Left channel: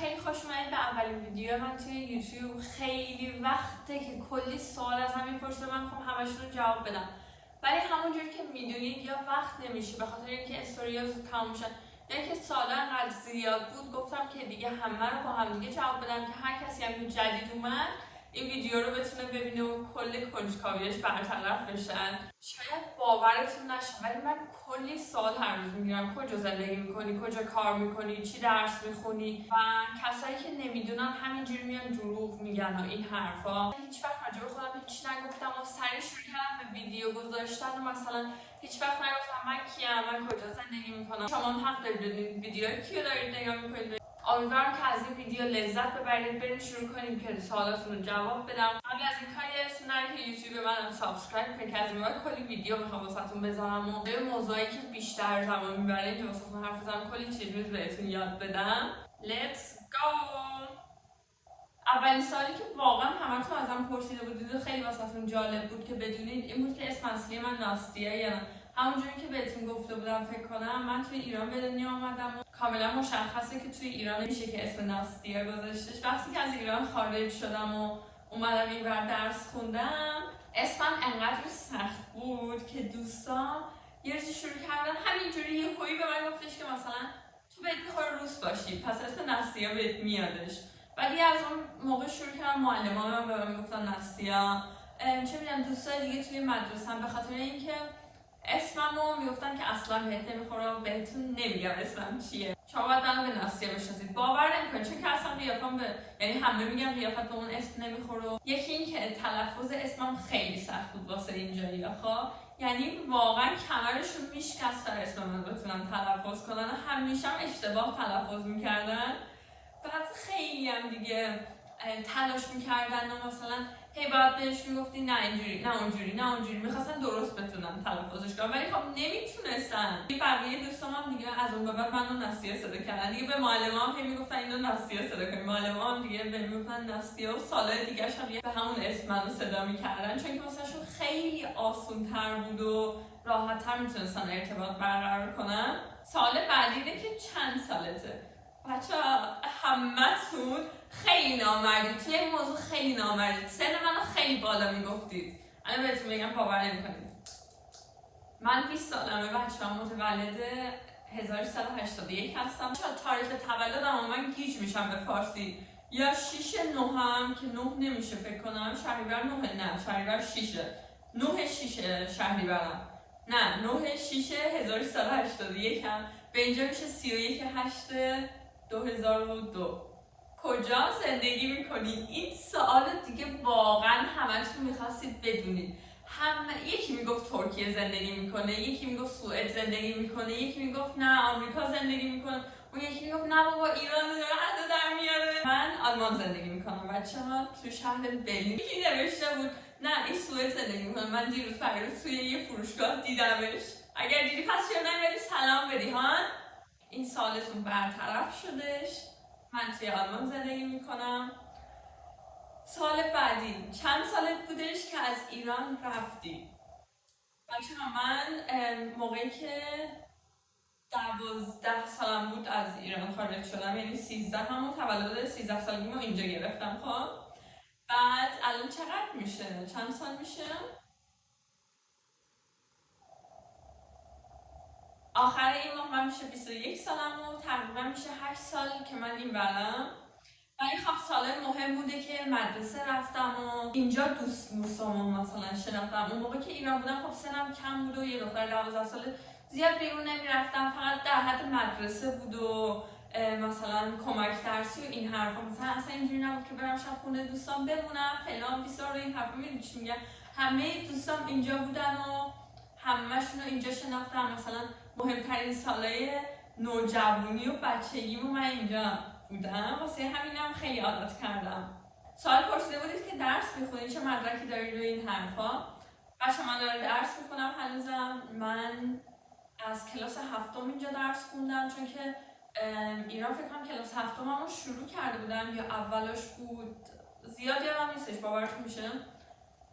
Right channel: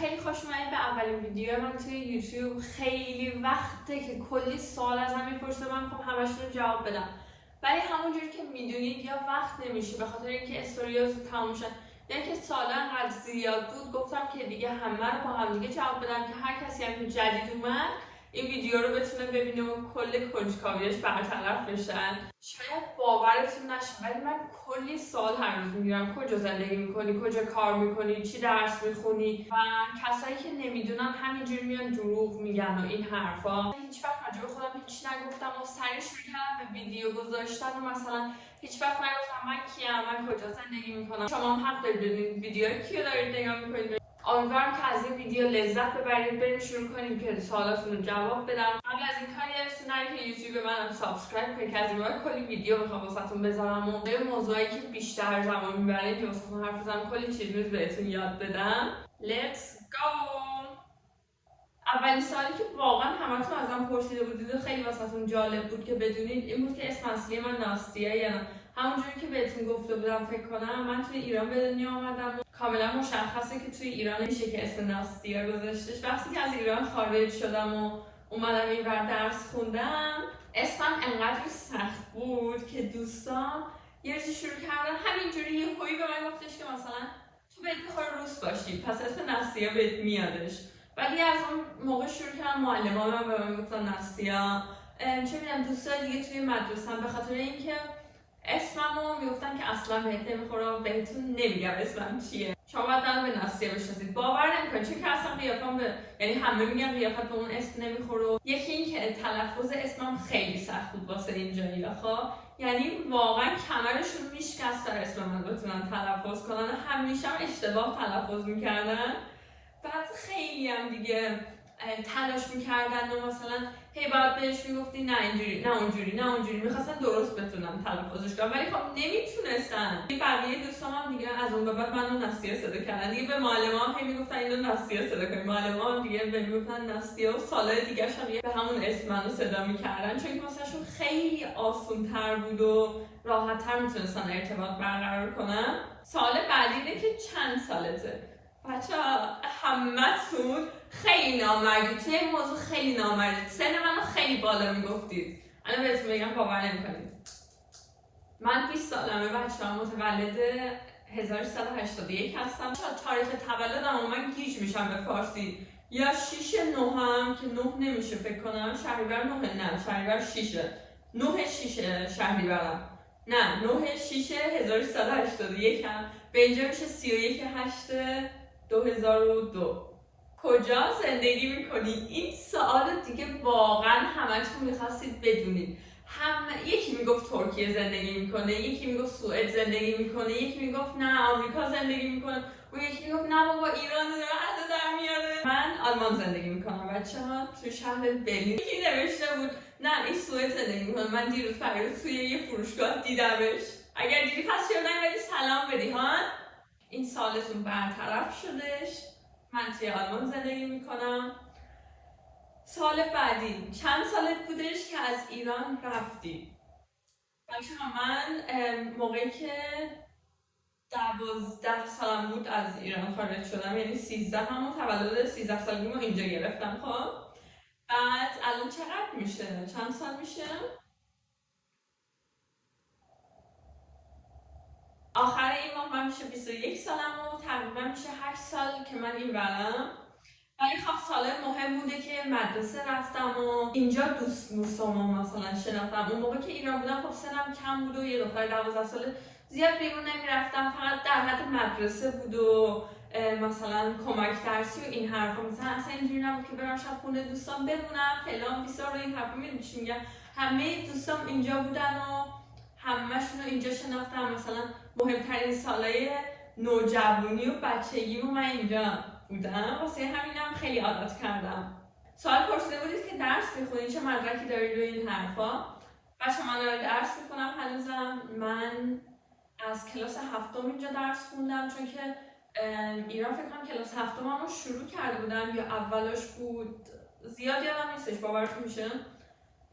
خیلی خوش اومدید به اولین ویدیو من توی یوتیوب. خیلی وقته که کلی سوال ازم میپرسه، من خب همشون رو جواب بدم، ولی همونجوری که میدونید یا وقت نمیشه به خاطر اینکه استوریاز تموم شد یا که سوالا انقدر زیاد بود، گفتم که دیگه همه رو با هم دیگه جواب بدم که هر کسی هم که جدید اومد این ویدیو رو بتونه ببینه و کل کنجکاویش برطرف بشن. شاید باورتون نشه ولی من کلی سوال هر روز میگیرم: کجا زندگی میکنی، کجا کار میکنی، چی درس میخونی، و کسایی که نمیدونن همینجوری میان دروغ میگن و این حرفا. هیچ وقت راجع به خودم هیچ نگفتم و سریع شروع کردم به ویدیو گذاشتن و مثلا هیچ وقت نگفتم من کیم، من کجا زندگی میکنم. شما هم حق دارید بدونید ویدیو کیو دارید نگاه میکنید. امیدوارم که از این ویدیو لذت ببرید. بریم شروع کنیم که سوالاتون رو جواب بدم. قبل از این کاری یادتون نره که یوتیوب منو سابسکرایب کنید که از این بعد کلی ویدیو میخوام واسهتون بذارم و به موضوعی که بیشتر زمان میبره که واسهتون حرف بزنم کلی چیز بهتون یاد بدم. Let's go. اولین سوالی که واقعا همتون ازم پرسیده بودید و خیلی واسهتون جالب بود که بدونید این بود که اسم اصلی من ناستیه یا نه. همونجوری که بهتون گفته بودم فکر کنم من توی ایران به دنیا اومدم و کاملا مشخصه که توی ایران نمیشه که اسم ناستیه گذاشتش. وقتی که از ایران خارج شدم و اومدم اینور درس خوندم، اسمم انقدر سخت بود که دوستان یه روزی شروع کردن همینجوری یه هویی به من گفتش که مثلا تو بهت میخوره روس باشی پس اسم ناستیه بهت میادش. ولی از اون موقع شروع کردم معلمان من به من گفتن ناستیه. چه میدونم دوستان دیگه توی مدرسه‌ام به خاطر اینکه اسممو میگفتن که اصلا بهت نمیخوره، بهتون نمیگم اسمم چیه، شما باید منو به ناستیه بشناسید. باور نمیکنید چون که اصلا قیافم به یعنی همه میگن قیافت به اون اسم نمیخوره. یکی این که تلفظ اسمم خیلی سخت بود واسه اینجایی آخا، یعنی واقعا کمرشون میشکستن اسم من بتونن تلفظ کنن، همیشه هم اشتباه تلفظ میکردن. بعد خیلی هم دیگه تلاش میکردن و مثلا هی باید بهش میگفتی نه اینجوری نه اونجوری نه اونجوری، میخواستن درست بتونم تلفظش کنم ولی خب نمیتونستن. بقیه دوستام هم دیگه از اون به بعد منو ناستیه صدا کردن دیگه. به معلمام هی میگفتن اینو ناستیه صدا کنید، معلمام دیگه میگفتن ناستیه و سالای دیگه هم به همون اسم منو صدا میکردن چون که مثلا خیلی آسون تر بود و راحت تر میتونستن ارتباط برقرار کنن. سوال بعدی اینه که چند سالته؟ بچه‌ها همتون خیلی نامردید توی این موضوع، خیلی نامردید. سن منو خیلی بالا میگفتید، الان بهتون میگم باور نمیکنید. من 20 سالمه بچه‌ها، متولد 1381 هستم. تاریخ تولدم من گیج میشم به فارسی، یا 6 9 که 9 نمیشه فکر کنم، شهریور 9 نه شهریور 6 9 6 شهریورم نه 9 6 1381 هم به اینجا میشه 31 8 2002. کجا زندگی میکنی؟ این سوال دیگه واقعا همتون میخواستید بدونید. یکی میگفت ترکیه زندگی میکنه، یکی میگفت سوئد زندگی میکنه، یکی میگفت نه آمریکا زندگی میکنه، اون یکی میگفت نه بابا ایران رو حد در میاره. من آلمان زندگی میکنم بچه‌ها، توی شهر برلین. یکی نوشته بود نه این سوئد زندگی میکنه. من دیروز پریروز توی یه فروشگاه دیدمش. اگر دیدی پس چرا نمی‌بری سلام بدی ها؟ این سوالتون برطرف شدش. من توی آلمان زندگی میکنم. سال بعدی چند سالت بودش که از ایران رفتی؟ بچه‌ها من موقعی که 12 سالم بود از ایران خارج شدم، یعنی 13 همون تولد 13 سالگیمو اینجا گرفتم. خب بعد الان چقدر میشه؟ چند سال میشه؟ آخر این ماه من میشه 21 سالم و تقریبا میشه 8 سال که من این برم. ولی خب سال مهم بوده که مدرسه رفتم و اینجا دوستامو مثلا شناختم. اون موقع که ایران بودم خب سنم کم بود و یه دختر 12 ساله زیاد بیرون نمیرفتم، فقط در حد مدرسه بود و مثلا کمک درسی و این حرفا. مثلا اصلا اینجوری نبود که برم شب خونه دوستام بمونم فلان بیسار و این حرفا. میدونی چی میگم؟ همه دوستام اینجا بودن و همه‌شون رو اینجا شناختم. مثلا مهمترین سالای نوجوانی و بچگی من اینجا بودم، واسه همینم خیلی عادت کردم. سوال پرسیده بودید که درس میخونید، چه مدرکی دارید و این حرفا. بچه من دارم درس میخونم هنوزم. من از کلاس هفتم اینجا درس خوندم چون که ایران فکر کنم کلاس هفتم رو شروع کرده بودم یا اولاش بود، زیاد یادم نیستش باورتون میشه،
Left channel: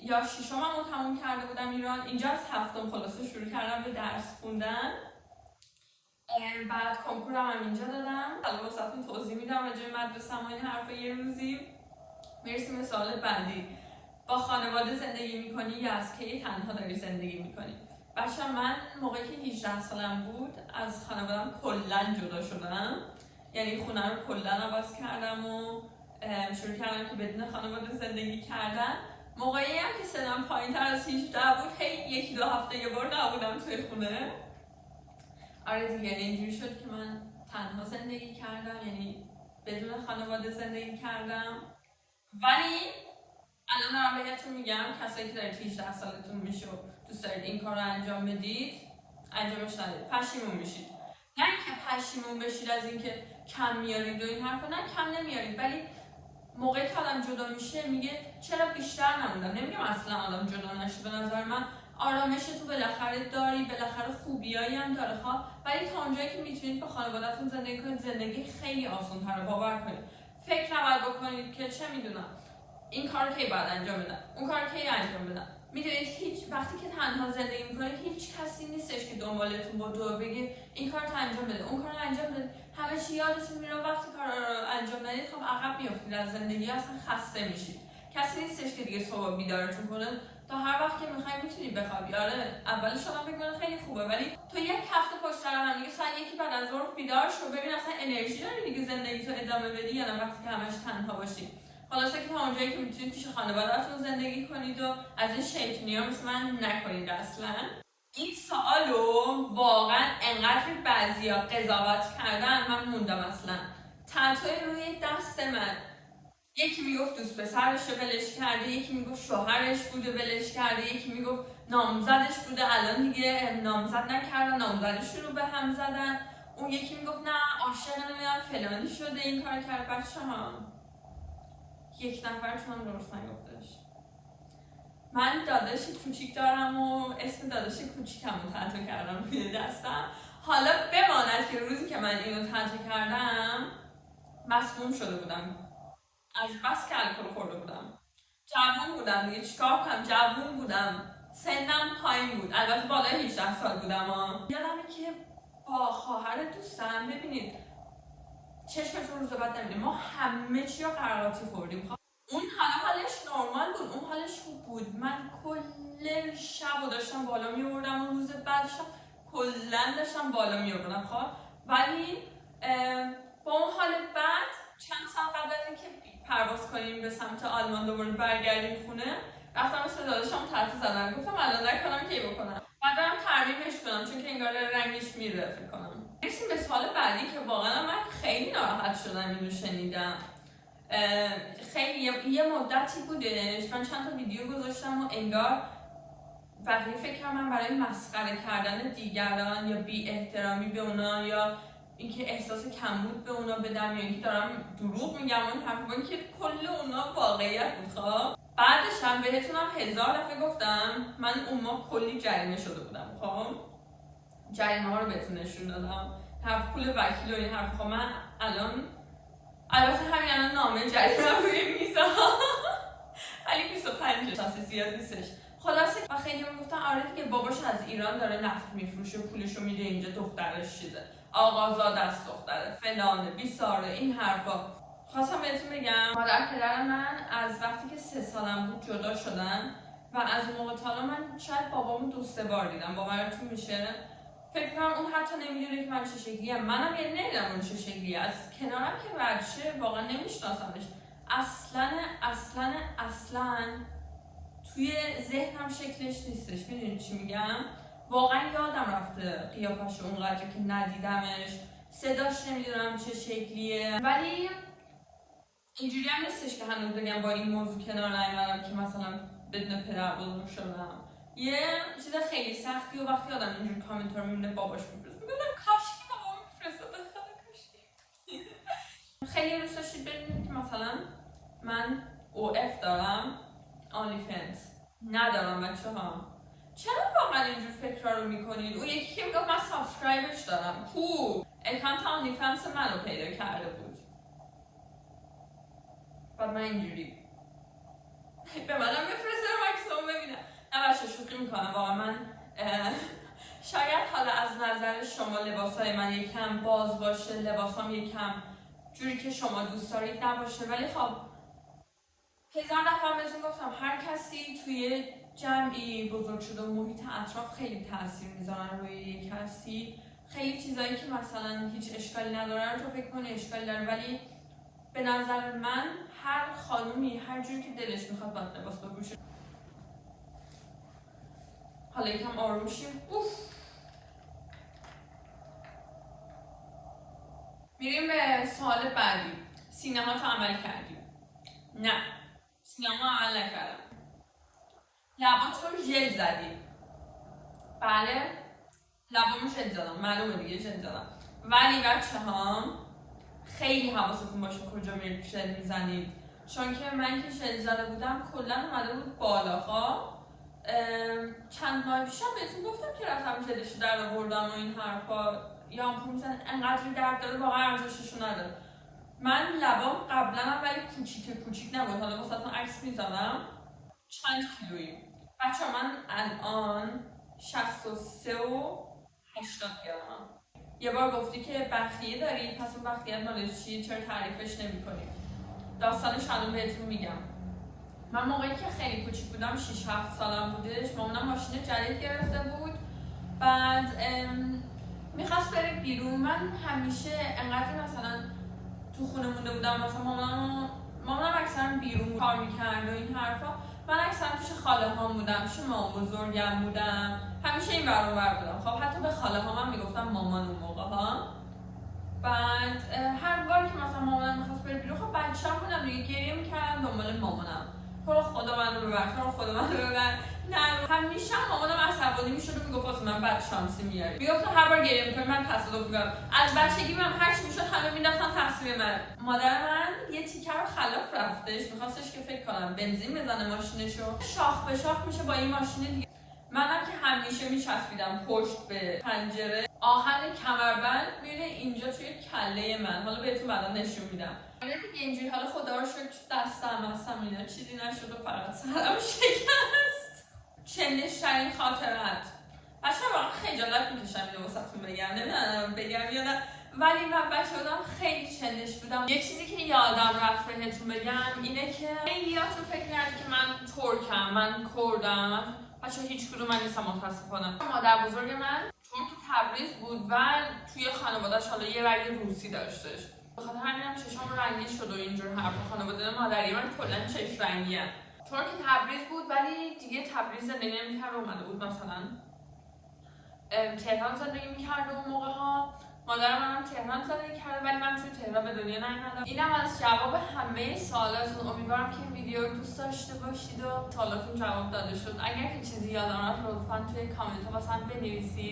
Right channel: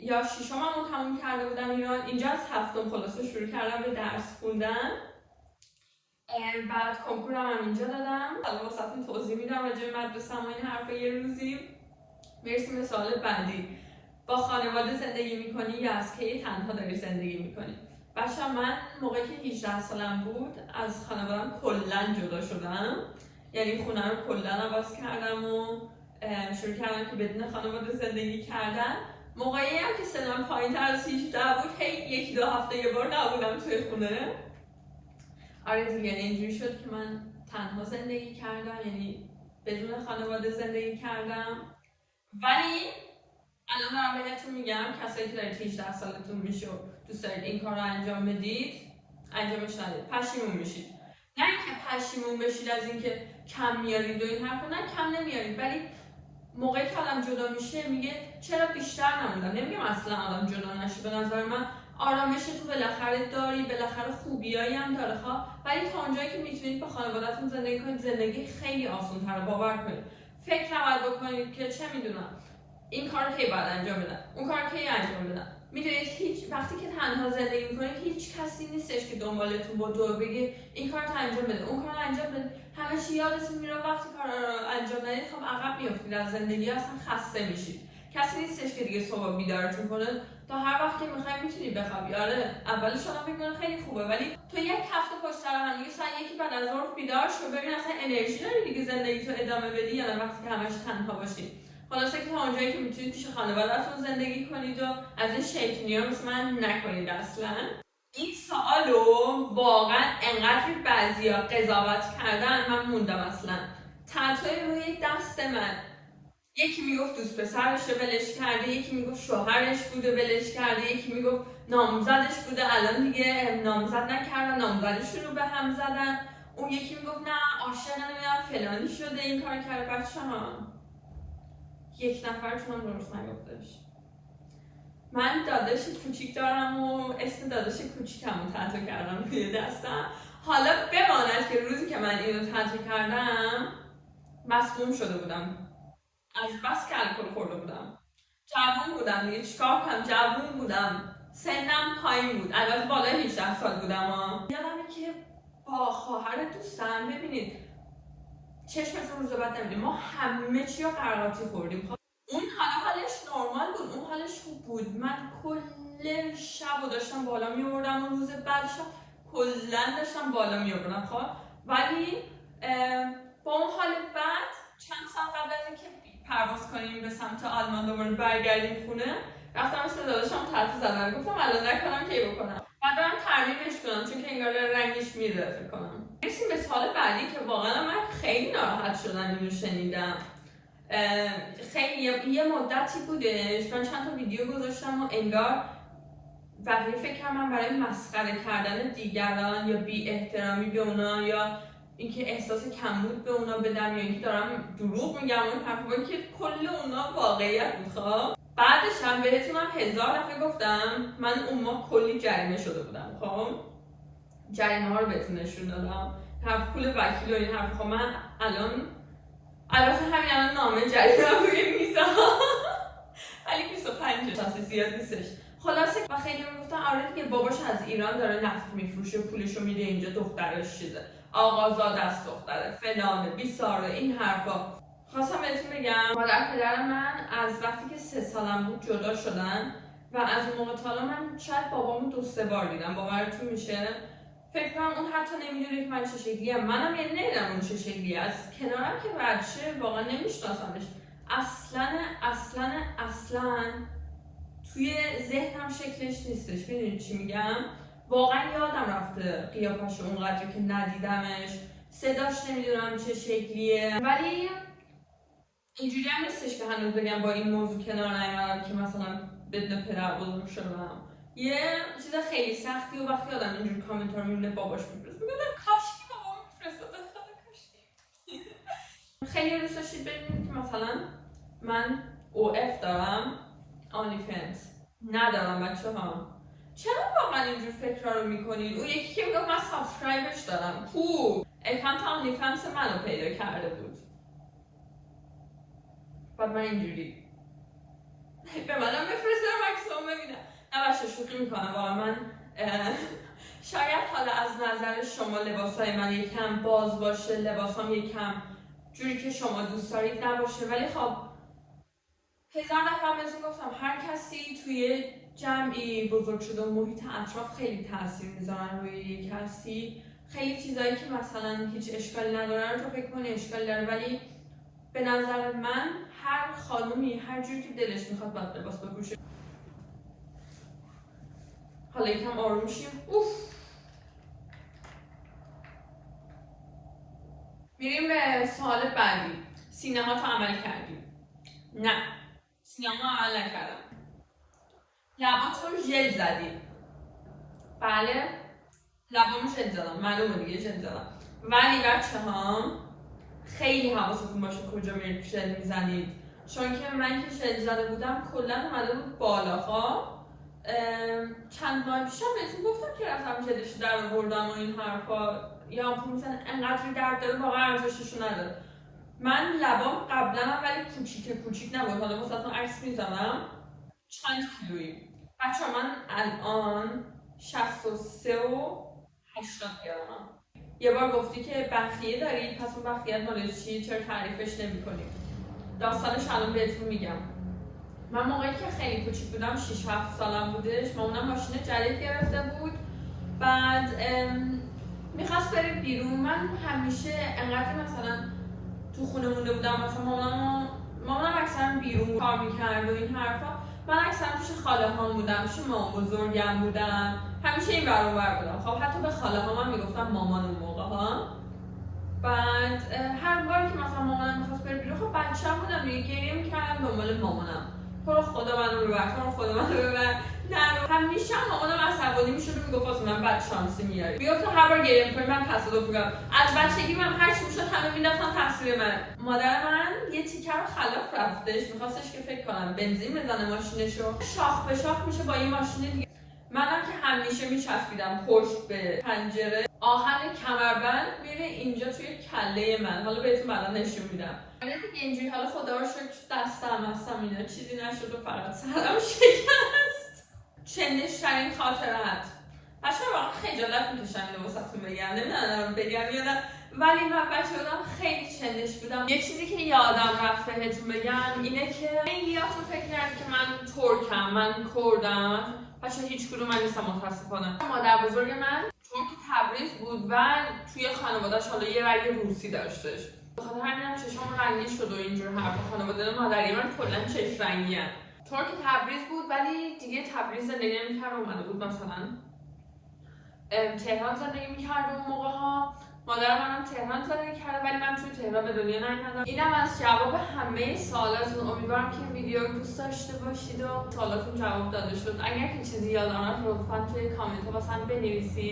یا ششم رو تموم کرده بودم ایران. اینجا از هفتم خلاصه شروع کردم به درس خوندن. بعد کنکورم هم اینجا دادم. حالا واسهتون توضیح میدم راجع به مدرسه‌م و این حرفا یه روزی. برسیم به سوال بعدی. با خانواده زندگی میکنی یا از کی تنها داری زندگی میکنی؟ بچه من موقعی که 18 سالم بود از خانوادم کلا جدا شدم. یعنی خونه رو کلا عوض کردم و شروع کردم که بدون خانواده زندگی کردن. موقعی هم که سنم پایین‌تر از 18 بود هی 1-2 هفته یه بار نبودم توی خونه. آره دیگه اینجوری شد که من تنها زندگی کردم، یعنی بدون خانواده زندگی کردم. ولی الان دارم بهتون میگم کسایی که دارید 18 سالتون میشه و دوست دارید این کار رو انجام بدید انجامش ندید، پشیمون میشید. نه اینکه پشیمون بشید از اینکه کم میارید و این حرفا، نه کم نمیارید، ولی موقعی که آدم جدا میشه میگه چرا بیشتر نموندم. نمیگم اصلا آدم جدا نشه، به نظر من آرامش تو بالاخره داری، بالاخره خوبیایی هم داره ولی تا اونجایی که میتونید با خانواده‌تون زندگی کنید زندگی خیلی آسان‌تره. باور کنید، فکر نباید بکنید که چه میدونم این کار کی باید انجام بدم، اون کار کی انجام بدم. میدونید هیچ وقتی که تنها زندگی میکنید هیچ کسی نیستش که دنبالتون با دور بگه این کار رو انجام بده، اون کار رو انجام بده. همه چی یادتون میره. وقتی کار رو انجام ندید خب عقب میافتید از زندگی، اصلا خسته میشید. کسی نیستش که دیگه صبح بیدارتون کنه تا هر وقت که میخواید میتونید بخوابید. آره اولش شما فکر کنید خیلی خوبه، ولی تو یک هفته پشت سر هم دیگه ساعت 1 بعد از ظهر بیدار شو، ببین اصلا انرژی داری دیگه زندگی تو ادامه بدی یا نه وقتی که همش تنها باشید. خلاصه که تا اونجایی که میتونید پیش خانواده‌تون زندگی کنید و از این شیطونی‌ها مثل من نکنید اصلا. این سوالو واقعا انقدر بعضیا قضاوت کردن من موندم اصلا. تتوی روی دست من، یکی میگفت دوست پسرش رو ولش کرده، یکی میگفت شوهرش بوده ولش کرده، یکی میگفت نامزدش بوده الان دیگه نامزد نکردن نامزدش رو به هم زدن، اون یکی میگفت نه عاشق نمیدونم فلانی شده این کار کرده. بچه‌ها یک نفرتون هم درست نگفتش. من داداش کوچیک دارم و اسم داداش کوچیکمو تتو کردم روی دستم. حالا بماند که روزی که من اینو تتو کردم مسموم شده بودم، از بس که الکل خورده بودم. جوون بودم دیگه، چیکار کنم، جوون بودم، سنم پایین بود، البته بالای 18 سال بودم. یادمه که با خواهر دوستم ببینید چشمتون روز بعد نمیدیم، ما همه چی رو قرقاتی خوردیم. اون حالش نرمال بود، اون حالش خوب بود. من کل شب داشتم بالا میبردم و روز بعدش کلا داشتم بالا میبردم ولی با اون حال بعد چند سال قبل از اینکه پرواز کنیم به سمت آلمان دوباره برگردیم خونه رفتم مثل داداشم تتو زدم، گفتم الان نکنم کی بکنم، بعد برم ترمیمش کنم چون که انگار رنگش میره فکر کنم. برسیم به سال بعدی که واقعا من خیلی ناراحت شدم اینو شنیدم. خیلی یه مدتی بودش من چند تا ویدیو گذاشتم و انگار بقیه فکر کنم من برای مسخره کردن دیگران یا بی احترامی به اونا یا اینکه احساس کمبود به اونا بدم یا اینکه دارم دروغ میگم اون حرفا که کل اونا واقعیت بود. بعدش هم بهتونم 1000 دفعه گفتم من اون ماه کلی جریمه شده بودم. جریمه ها رو بهتون نشون دادم، حرف پول وکیل و این حرفا. من الان البته همین الان نامه جریمه رو روی میزم ولی 25 تا زیاد نیستش. خلاصه و خیلی میگفتن آره دیگه باباش از ایران داره نفت میفروشه پولشو میده اینجا، دخترش چیزه، آقازاده است دختره فلانه بیساره این حرفا. خواستم بهتون بگم مادر پدر من از وقتی که 3 سالم بود جدا شدن و از اون موقع تا حالا من شاید بابامو 2-3 بار دیدم. باورتون میشه؟ فکر کنم اون حتی نمیدونه که من چه شکلیم، منم یعنی نمیدونم اون چه شکلیه، از کنارم که رد شه واقعا نمیشناسمش اصلا توی ذهنم شکلش نیستش. میدونید چی میگم؟ واقعا یادم رفته قیافش اونقدر که ندیدمش، صداش نمیدونم چه شکلیه. ولی اینجوری هم نیستش که هنوز بگم با این موضوع کنار نیومدم که مثلا بدون پدر بزرگ شدم. یه چیز خیلی سختی و وقتی آدم اینجوری کامنت رو میبینه باباش میفرست میگه کاشکی بابام میفرستاد کاشکی. خیلی دوست داشتید ببینید که مثلا من OF دارم آنلی فنس ندارم. بچه‌ها چرا واقعا اینجور فکر رو میکنید؟ اون یکی که میگفت من سابسکرایبش دارم کو اکانت آنلی فنس منو پیدا کرده بود، بعد من اینجوری به منم بفرسته مکسیموم ببینم. نه باشه شوخی میکنم واقعا. من شاید حالا از نظر شما لباسای من یکم باز باشه، لباسام یکم جوری که شما دوست دارید نباشه، ولی خب هزار دفعه بهتون گفتم هر کسی توی جمعی بزرگ شده و محیط اطراف خیلی تاثیر میذارن روی یک کسی. خیلی چیزایی که مثلا هیچ اشکالی ندارن تو فکر کنی اشکال داره، ولی به نظر من هر خانومی هر جوری که دلش میخواد باید لباس بپوشه. حالا یکم آروم شیم. میریم به سوال بعدی. سینما تو عمل کردی؟ نه، سینما عمل نکردم. لباتو ژل زدی؟ بله، لبامو ژل زدم، معلومه دیگه ژل زدم. ولی بچه‌ها خیلی حواستون باشه کجا میرید ژل میزنید، چون که من که ژل زده بودم کلا اومده بود بالاها. چند ماه پیشم بهتون گفتم که رفتم ژلشو در آوردم و این حرفا، یا مثلا انقدر درد داره واقعا ارزششو نداره. من لبام قبلا هم ولی کوچیک نبود، حالا واسهتون عکس میزنم. چند کیلویی؟ بچه‌ها من الان 63 و 80 گرمم. یه بار گفتی که بخیه داری، پس اون بخیه مال چیه؟ چرا تعریفش نمی‌کنی؟ داستانش الان بهتون میگم. من موقعی که خیلی کوچیک بودم 6-7 سالم بودش، مامانم ماشین جدید گرفته بود، بعد میخواست بره بیرون. من همیشه انقدر مثلا تو خونه مونده بودم، مثلا مامانم اکثرا بیرون کار میکرد و این حرفا، من اکثرا پیش خاله هام بودم، پیش مامان بزرگم بودم، همیشه این ور اون ور بودم. خب حتی به خاله هام هم میگفتم مامان اون موقع ها. بعد هر باری که مثلا مامانم میخواست بره بیرون، خب بچه‌م بودم دیگه، گریه میکردم دنبال مامانم، تو خدا منو ببر، تو خدا منو ببر. نه همیشه مامانم عصبانی میشد و میگفت واسه من بد شانسی میاری. میگفت هر بار گریه میکنی من تصادف میکنم. از بچگی من هر چی میشد همه مینداختن تقصیر من. مادر من یه تیکه رو خلاف رفتش، میخواستش که فکر کنم بنزین بزنه ماشینشو، شاخ به شاخ میشه با این ماشین دیگه. منم که همیشه میچسبیدم پشت به پنجره، آهن کمربند میره اینجا توی کله من. حالا بهتون بعدا نشون میدم. آره دیگه اینجوری. حالا خدا رو شکر دستم اینا چیزی نشد و فقط سرم شکست. چندشترین خاطرات. بچه‌ها واقعا خجالت میکشم اینو واسهتون بگم، نمیدونم بگم یا نه، ولی من بچه بودم خیلی چندش بودم. یه چیزی که یادم رفت بهتون بگم اینه که خیلیاتون فکر کردید که من ترکم، من کردم. بچه‌ها هیچ کدوم من نیستم متاسفانه. مادر بزرگ من ترک تبریز بود و توی خانواده‌اش حالا یه رنگ روسی داشتش. بخاطر همینم چشام رنگی شد و اینجور حرفا. خانواده مادری من کلا چشم رنگیه. ترک تبریز بود ولی دیگه تبریز زندگی نمی‌کرد، اومده بود مثلا تهران زندگی می‌کرد اون موقع‌ها. مادر منم تهران زندگی کرده ولی من توی تهران به دنیا نیومدم. اینم از جواب همه سوالاتون. امیدوارم که این ویدیو رو دوست داشته باشید و سوالاتون جواب داده شد. اگر که چیزی یادم رفت لطفاً توی کامنت واسم بنویسید.